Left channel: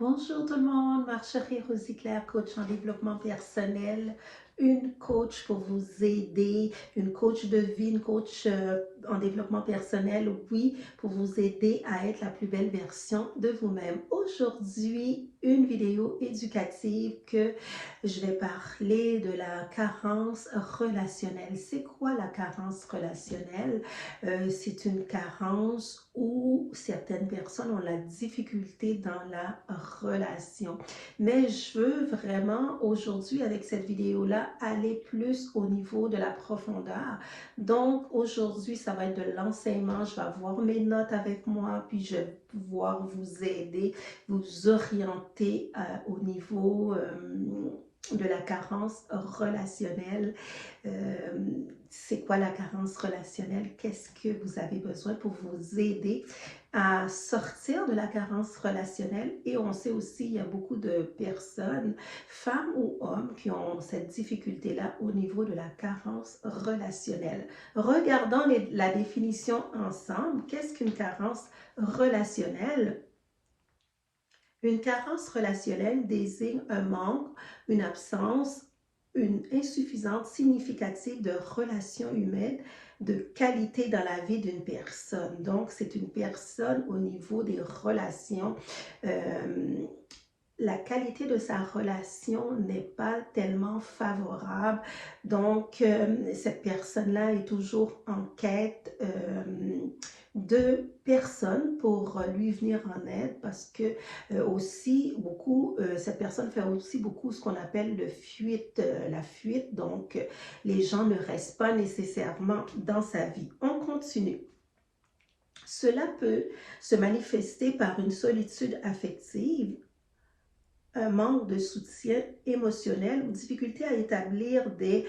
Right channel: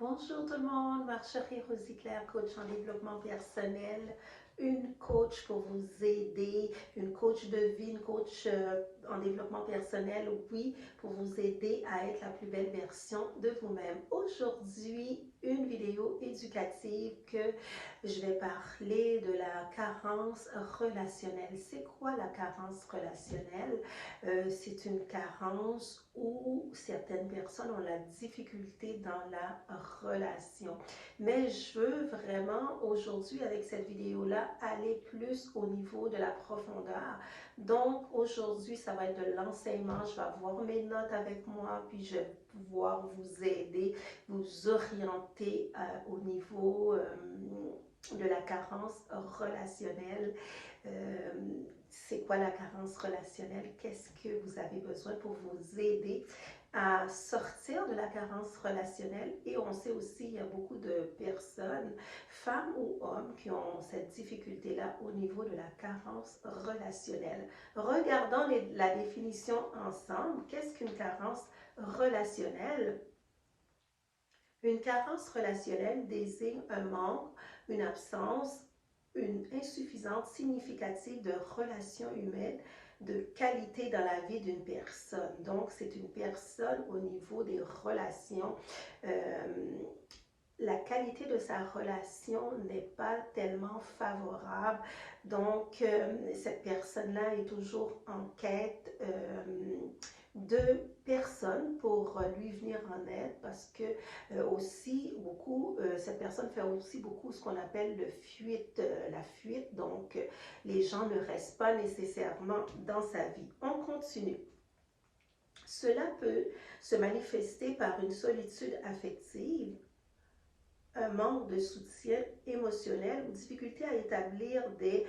Bonjour tout le monde, Marjorie Rosiclair, coach en développement personnel, une coach pour vous aider, une coach de vie, une coach en développement personnel, oui, pour vous aider à être la plus belle version de vous-même. Aujourd'hui, une vidéo éducative que je vais parler de la carence relationnelle. C'est quoi la carence relationnelle? C'est une carence où certaines personnes ont la difficulté dans la relation. Mais je veux vraiment aujourd'hui avec cette vidéo-là aller plus au niveau de la profondeur. Donc aujourd'hui, ça va être de l'enseignement. Je vais avoir mes notes avec moi, puis je vais pouvoir vous aider, vous orienter au niveau de la carence relationnelle. Euh, c'est quoi la carence relationnelle? Qu'est-ce que vous avez besoin pour vous aider à sortir de la carence relationnelle? Et on sait aussi, il y a beaucoup de personnes, femmes ou hommes, qui ont cette difficulté-là au niveau de la carence relationnelle. Regardons la définition ensemble. Qu'est-ce qu'une carence relationnelle? Une carence relationnelle désigne un manque, une absence, une insuffisance significative de relations humaines de qualité dans la vie d'une personne. Donc, c'est une personne au niveau des relations. Euh, la qualité de sa relation n'est pas tellement favorable. Donc, cette personne-là est toujours en quête de personnes pour lui venir en aide parce que aussi beaucoup, cette personne fait aussi beaucoup ce qu'on appelle la fuite. Donc, les gens ne restent pas nécessairement dans sa vie. On continue. Cela peut se manifester par une solitude affective, un manque de soutien émotionnel ou difficulté à établir des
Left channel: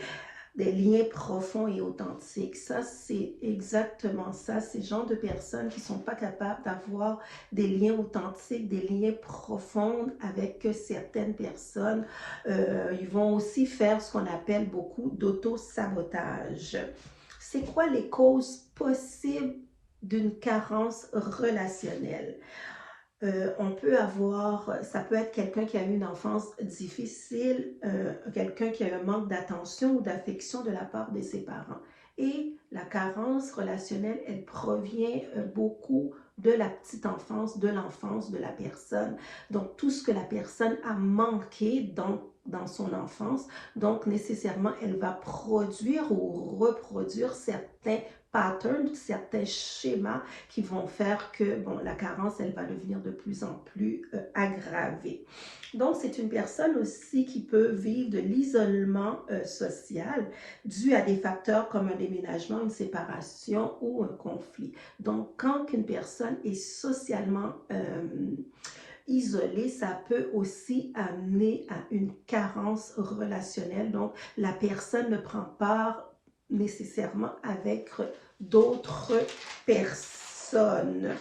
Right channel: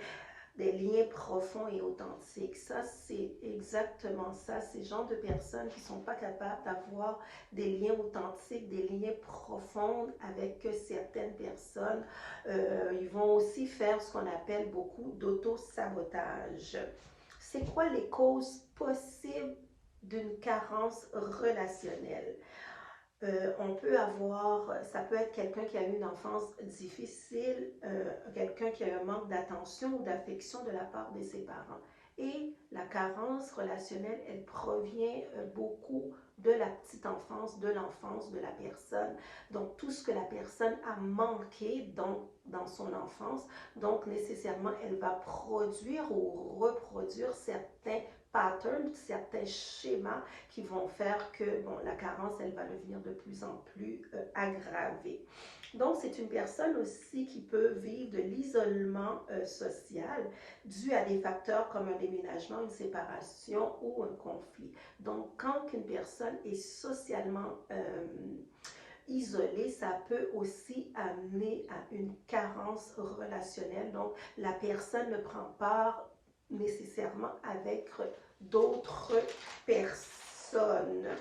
liens profonds et authentiques. Ça, c'est exactement ça. Ces gens de personnes qui ne sont pas capables d'avoir des liens authentiques, des liens profonds avec certaines personnes. Ils vont aussi faire ce qu'on appelle beaucoup d'auto-sabotage. C'est quoi les causes possibles d'une carence relationnelle? On peut avoir, ça peut être quelqu'un qui a eu une enfance difficile, quelqu'un qui a eu un manque d'attention ou d'affection de la part de ses parents. Et la carence relationnelle, elle provient beaucoup de la petite enfance, de l'enfance de la personne. Donc, tout ce que la personne a manqué dans son enfance, donc nécessairement, elle va produire ou reproduire certains patterns, certains schémas qui vont faire que bon, la carence, elle va devenir de plus en plus aggravée. Donc, c'est une personne aussi qui peut vivre de l'isolement social dû à des facteurs comme un déménagement, une séparation ou un conflit. Donc, quand une personne est socialement isolée, ça peut aussi amener à une carence relationnelle. Donc, la personne ne prend part nécessairement avec d'autres personnes.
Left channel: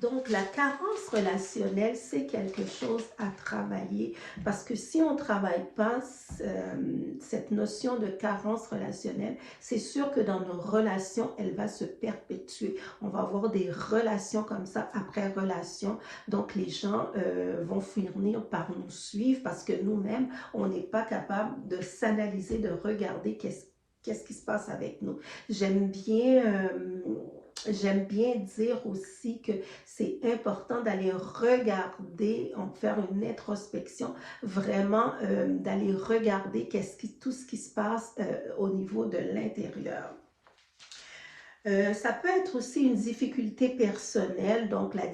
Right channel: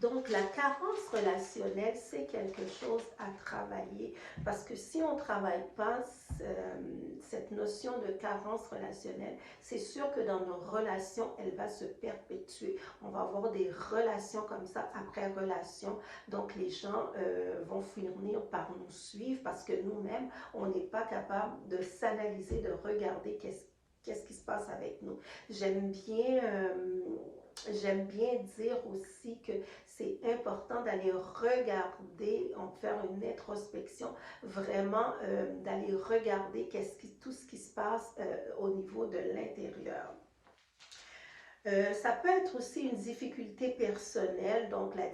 Donc, la carence relationnelle, c'est quelque chose à travailler parce que si on ne travaille pas cette notion de carence relationnelle, c'est sûr que dans nos relations, elle va se perpétuer. On va avoir des relations comme ça après relation. Donc, les gens vont finir par nous suivre parce que nous-mêmes, on n'est pas capable de s'analyser, de regarder qu'est-ce qui se passe avec nous. J'aime bien dire aussi que c'est important d'aller regarder, faire une introspection, vraiment d'aller regarder tout ce qui se passe au niveau de l'intérieur. Ça peut être aussi une difficulté personnelle. Donc, la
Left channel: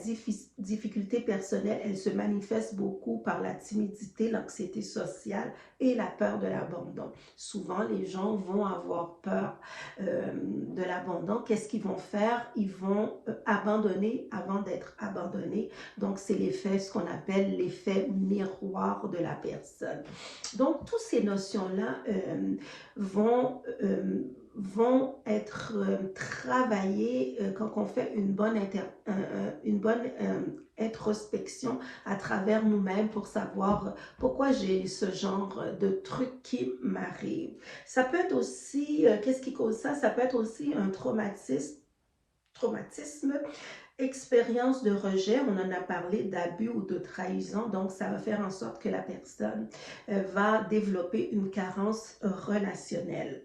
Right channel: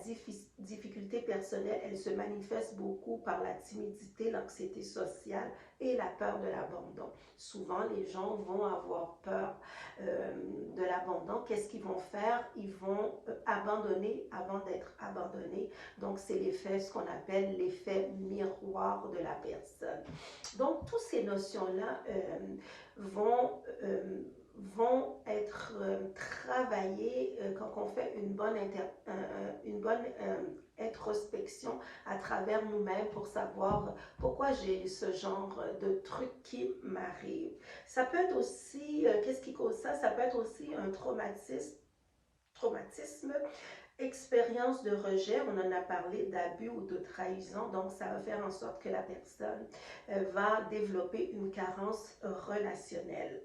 difficulté personnelle, elle se manifeste beaucoup par la timidité, l'anxiété sociale et la peur de l'abandon. Souvent, les gens vont avoir peur de l'abandon. Qu'est-ce qu'ils vont faire? Ils vont abandonner avant d'être abandonnés. Donc, c'est l'effet, ce qu'on appelle l'effet miroir de la personne. Donc, toutes ces notions-là vont être travaillées quand on fait une bonne introspection à travers nous-mêmes pour savoir pourquoi j'ai ce genre de truc qui m'arrive. Ça peut être aussi, qu'est-ce qui cause ça? Ça peut être aussi un traumatisme Expérience de rejet, on en a parlé d'abus ou de trahison, donc ça va faire en sorte que la personne va développer une carence relationnelle.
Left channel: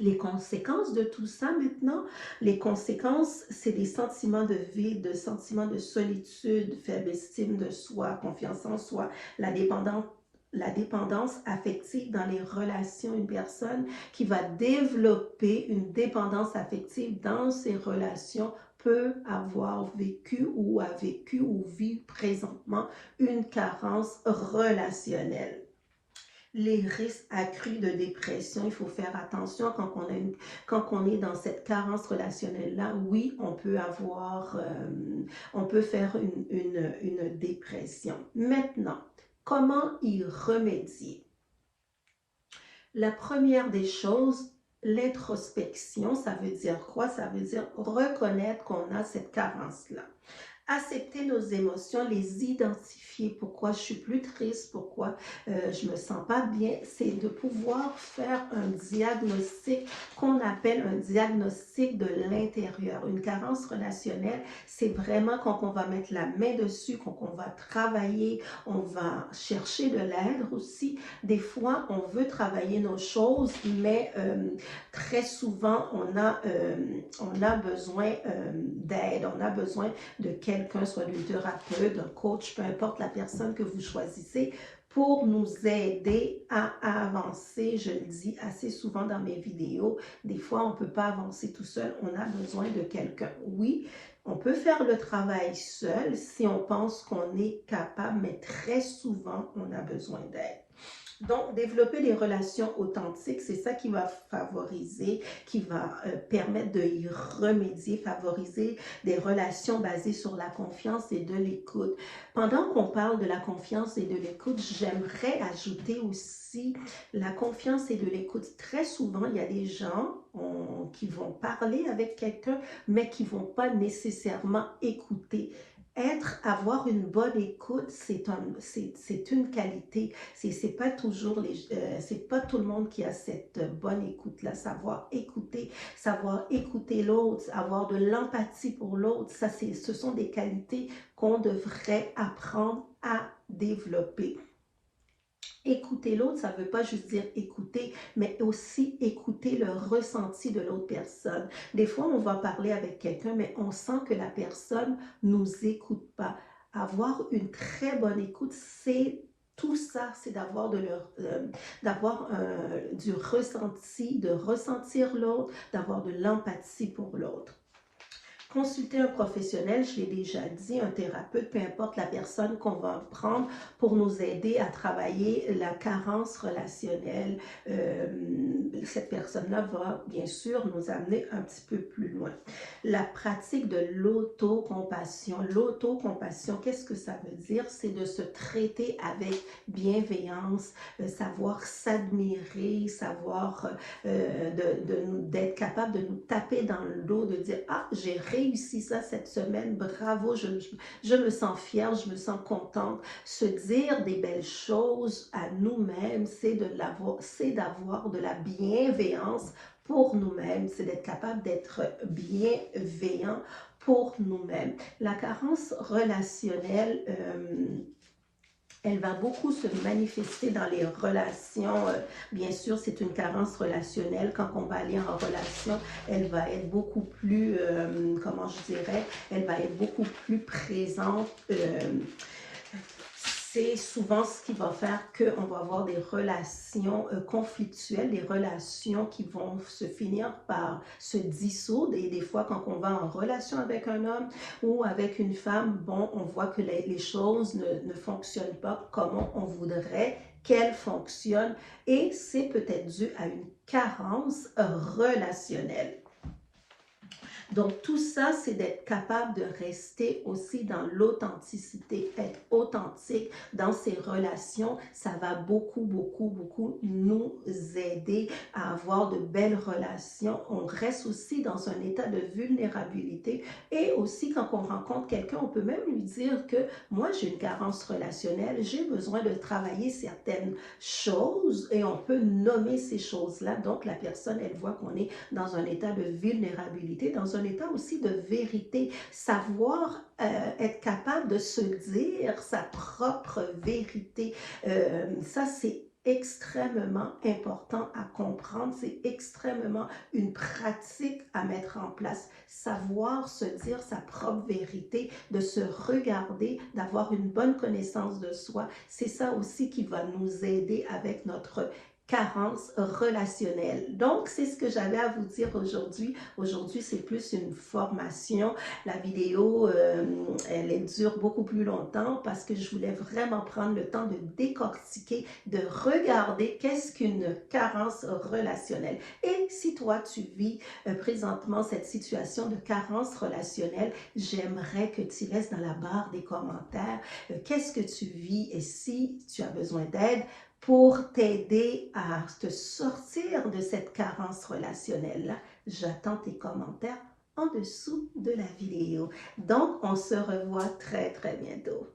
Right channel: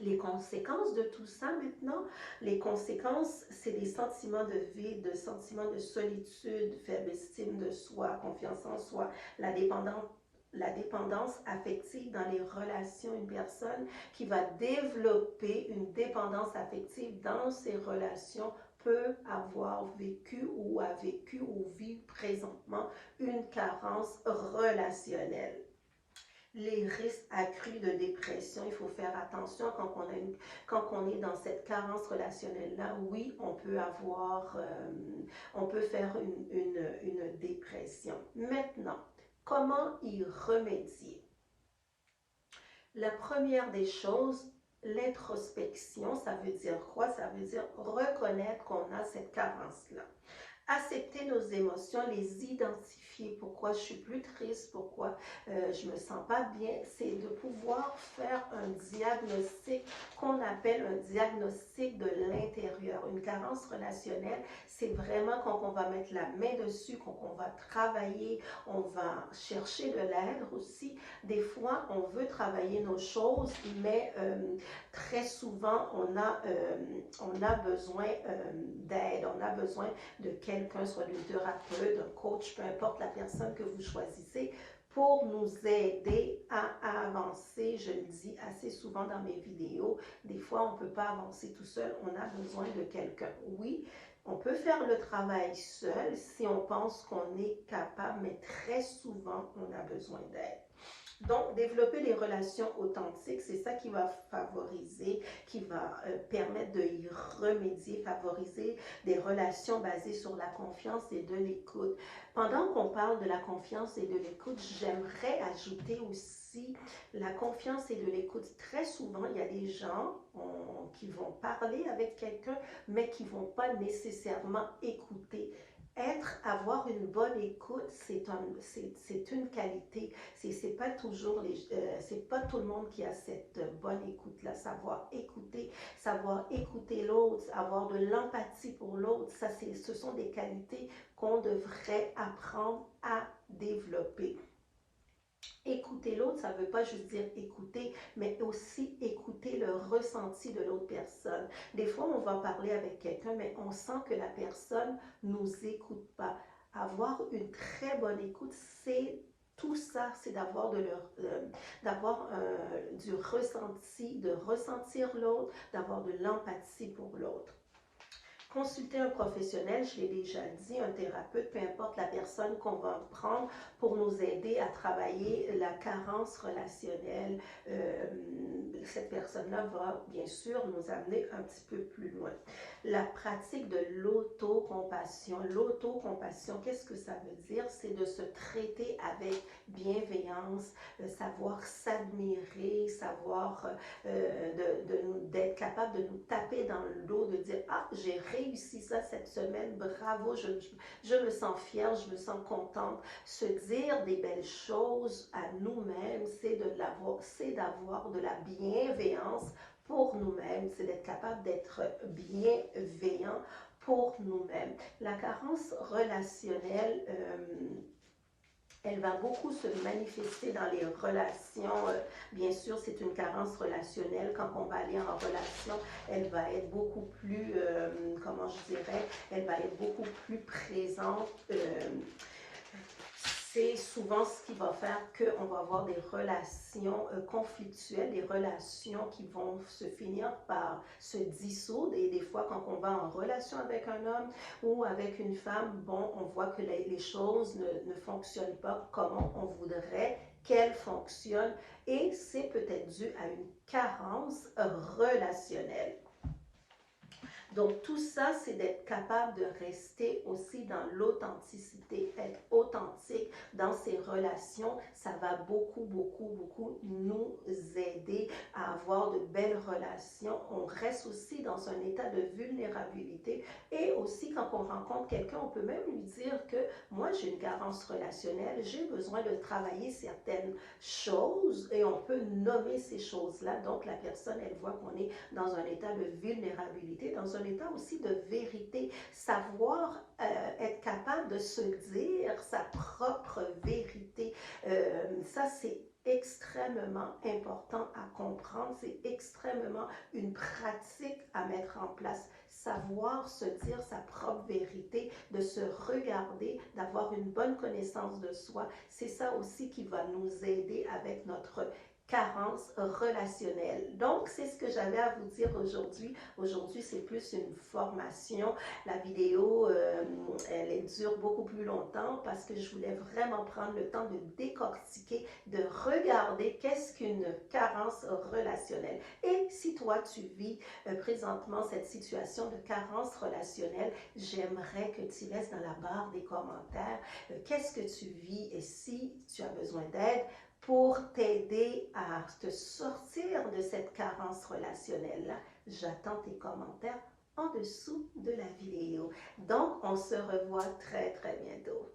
Les conséquences de tout ça maintenant, les conséquences, c'est des sentiments de vide, de sentiments de solitude, faible estime de soi, confiance en soi, la dépendance affective dans les relations. Une personne qui va développer une dépendance affective dans ses relations peut avoir vécu ou a vécu ou vit présentement une carence relationnelle. Les risques accrus de dépression, il faut faire attention quand on est dans cette carence relationnelle-là. Oui, on peut faire une dépression. Maintenant, comment y remédier? La première des choses, l'introspection, ça veut dire quoi? Ça veut dire reconnaître qu'on a cette carence-là. Accepter nos émotions, les identifier, pourquoi je suis plus triste, pourquoi je me sens pas bien, c'est de pouvoir faire un diagnostic qu'on appelle un diagnostic de l'intérieur. Une carence relationnelle, c'est vraiment quand on va mettre la main dessus, quand on va travailler, on va chercher de l'aide aussi. Des fois, on veut travailler nos choses, mais très souvent, on a besoin d'aide, on a besoin de quelqu'un, soit d'un thérapeute, d'un coach, peu importe la personne que vous choisissez, pour nous aider à avancer. Je le dis assez souvent dans mes vidéos, des fois on ne peut pas avancer tout seul, on a besoin de quelqu'un. Oui, on peut faire le travail seul si on pense qu'on est capable, mais très souvent on a besoin d'aide. Donc, développer des relations authentiques, c'est ça qui va favoriser, qui va permettre de y remédier, favoriser des relations basées sur la confiance et de l'écoute. Pendant qu'on parle de la confiance et de l'écoute, j'aimerais ajouter aussi la confiance et de l'écoute. Très souvent, il y a des gens qui vont parler avec quelqu'un, mais qui ne vont pas nécessairement écouter. Avoir une bonne écoute, c'est une qualité. C'est pas toujours c'est pas tout le monde qui a cette bonne écoute-là. Savoir écouter l'autre, avoir de l'empathie pour l'autre, ce sont des qualités qu'on devrait apprendre à développer. Écouter l'autre, ça ne veut pas juste dire écouter, mais aussi écouter le ressenti de l'autre personne. Des fois, on va parler avec quelqu'un, mais on sent que la personne ne nous écoute pas. Avoir une très bonne écoute, c'est tout ça, c'est d'avoir du ressenti, de ressentir l'autre, d'avoir de l'empathie pour l'autre. Consulter un professionnel, je l'ai déjà dit, un thérapeute, peu importe la personne qu'on va prendre pour nous aider à travailler la carence relationnelle. Cette personne-là va bien sûr nous amener un petit peu plus loin. La pratique de l'autocompassion. L'autocompassion, qu'est-ce que ça veut dire? C'est de se traiter avec bienveillance, savoir s'admirer, savoir d'être capable de nous taper dans le dos, de dire « Ah, j'ai réussi ça cette semaine, bravo, je me sens fière, je me sens contente. » Se dire des belles choses à nous-mêmes, c'est d'avoir de la bienveillance pour nous-mêmes, c'est d'être capable d'être bienveillant pour nous-mêmes. La carence relationnelle, elle va beaucoup se manifester dans les relations. Bien sûr, c'est une carence relationnelle. Quand on va aller en relation, elle va être beaucoup plus, comment je dirais, elle va être beaucoup plus présente. C'est souvent ce qui va faire qu'on va avoir des relations conflictuelles, des relations qui vont se finir par se dissoudre. Et des fois, quand on va en relation avec un homme ou avec une femme, bon, on voit que les choses ne fonctionnent pas comme on voudrait qu'elles fonctionnent. Et c'est peut-être dû à une carence relationnelle. Donc, tout ça, c'est d'être capable de rester aussi dans l'authenticité, être authentique dans ses relations. Ça va beaucoup, beaucoup, beaucoup nous aider à avoir de belles relations. On reste aussi dans un état de vulnérabilité et aussi quand on rencontre quelqu'un, on peut même lui dire que moi, j'ai une carence relationnelle, j'ai besoin de travailler certaines choses et on peut nommer ces choses-là. Donc, la personne, elle voit qu'on est dans un état de vulnérabilité, dans dans un état aussi de vérité, savoir être capable de se dire sa propre vérité. Ça, c'est extrêmement important à comprendre, c'est extrêmement une pratique à mettre en place. Savoir se dire sa propre vérité, de se regarder, d'avoir une bonne connaissance de soi, c'est ça aussi qui va nous aider avec notre carence relationnelle. Donc, c'est ce que j'avais à vous dire aujourd'hui. Aujourd'hui, c'est plus une formation. La vidéo, elle dure beaucoup plus longtemps parce que je voulais vraiment prendre le temps de décortiquer, de regarder qu'est-ce qu'une carence relationnelle. Et si toi, tu vis présentement cette situation de carence relationnelle, j'aimerais que tu laisses dans la barre des commentaires qu'est-ce que tu vis et si tu as besoin d'aide pour t'aider à te sortir de cette carence relationnelle-là. J'attends tes commentaires en dessous de la vidéo. Donc, on se revoit très, très bientôt.